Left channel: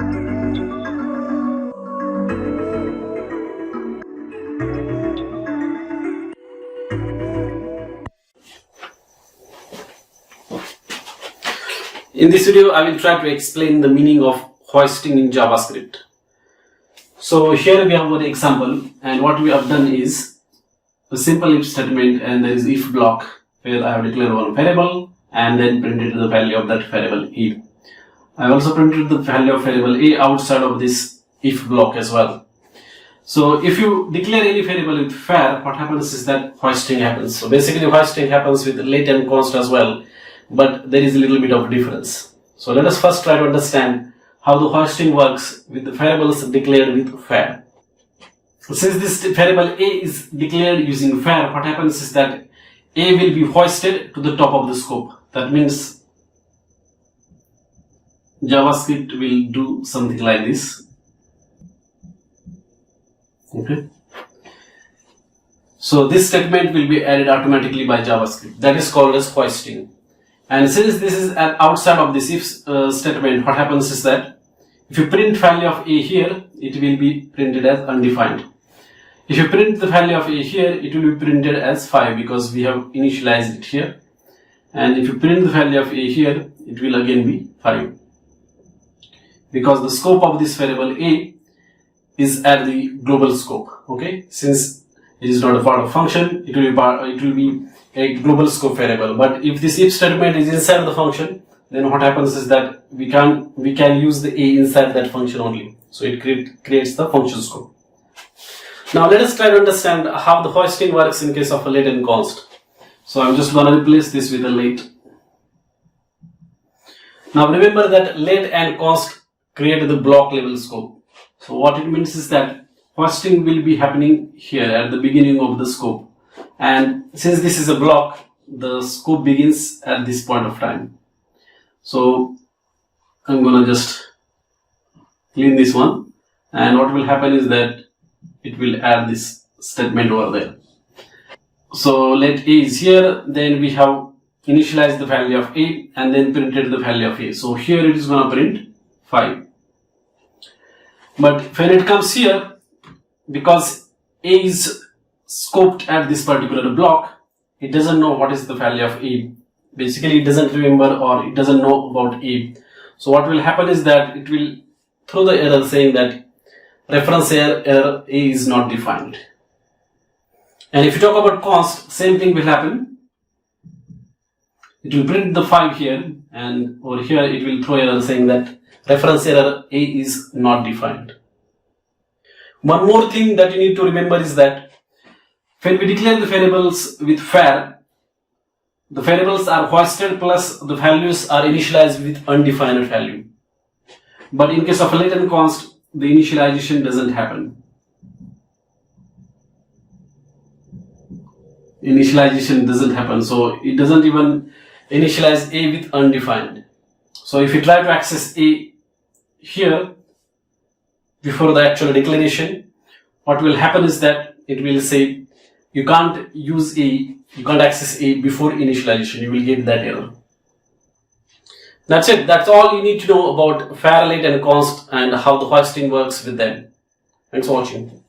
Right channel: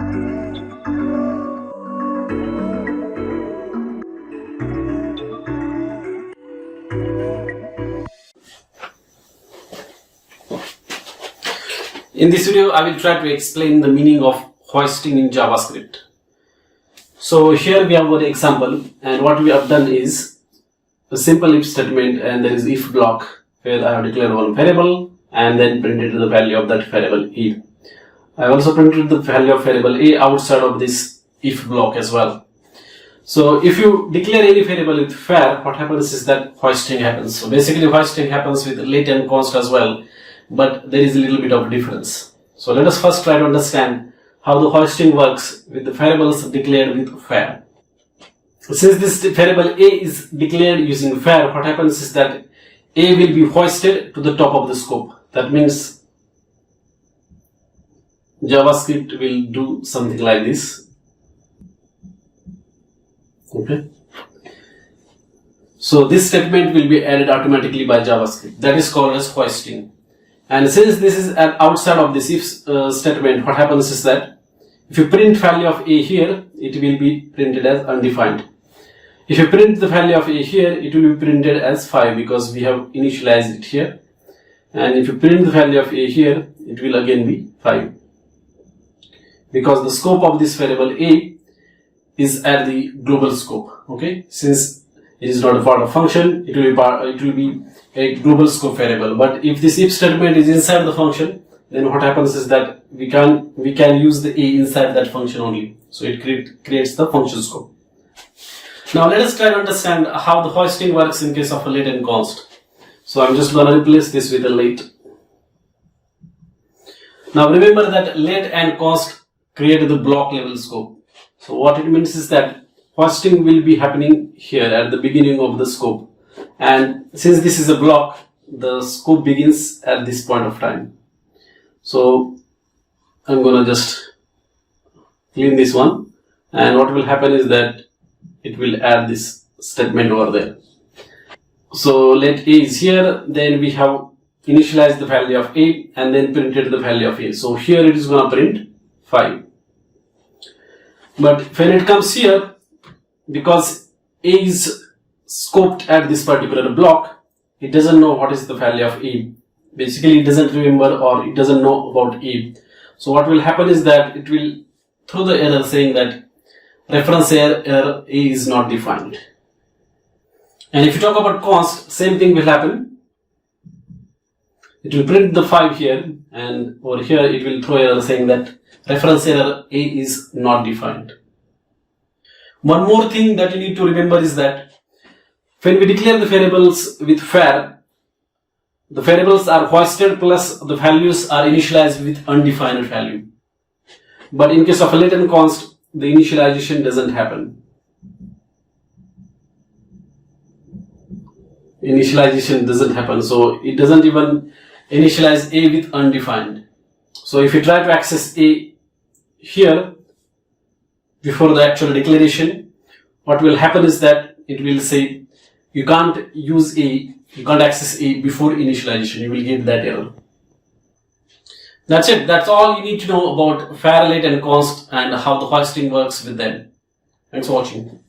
In this video, I will try to explain the meaning of hoisting in JavaScript. So here we have one example, and what we have done is a simple if statement, and there is if block where I have declared one variable and then printed the value of that variable a. I also printed the value of variable a outside of this if block as well. So if you declare any variable with var, what happens is that hoisting happens. So basically hoisting happens with let and const as well, but there is a little bit of difference. So let us first try to understand how the hoisting works with the variables declared with var. Since this variable a is declared using var, what happens is that a will be hoisted to the top of the scope. That means JavaScript will do something like this. Okay. So this statement will be added automatically by JavaScript. That is called as hoisting. And since this is outside of this if statement, what happens is that if you print value of a here, it will be printed as undefined. If you print the value of a here, it will be printed as 5 because we have initialized it here. And if you print the value of a here, it will again be 5. Because the scope of this variable a is at the global scope. Okay, since it is not a part of function, it will be a global scope variable. But if this if statement is inside the function, then what happens is that we can use the a inside that function only. So it creates the function scope. Now let us try to understand how the hoisting works in case of a let and const. So I'm just going to replace this with a let. Now remember that let and const create the block level scope. So what it means is that hoisting will be happening here at the beginning of the scope. And since this is a block, the scope begins at this point of time. So I'm going to just clean this one. And what will happen is that it will add this statement over there. So let a is here, then we have initialized the value of a and then printed the value of a. So here it is going to print 5. But when it comes here, because a is scoped at this particular block, it doesn't know what is the value of a. Basically it doesn't remember or it doesn't know about a. So what will happen is that it will throw the error saying that reference error a is not defined. And if you talk about const, same thing will happen. It will print the 5 here, and over here it will throw error saying that reference error a is not defined. One more thing that you need to remember is that when we declare the variables with var, the variables are hoisted plus the values are initialized with undefined value. But in case of a let and const, the initialization doesn't happen. Initialization doesn't happen, so it doesn't even initialize a with undefined. So if you try to access a here before the actual declaration, what will happen is that it will say you can't use a, you can't access a before initialization. You will get that error. That's it. That's all you need to know about var, let and const and how the hoisting works with them. Thanks for watching.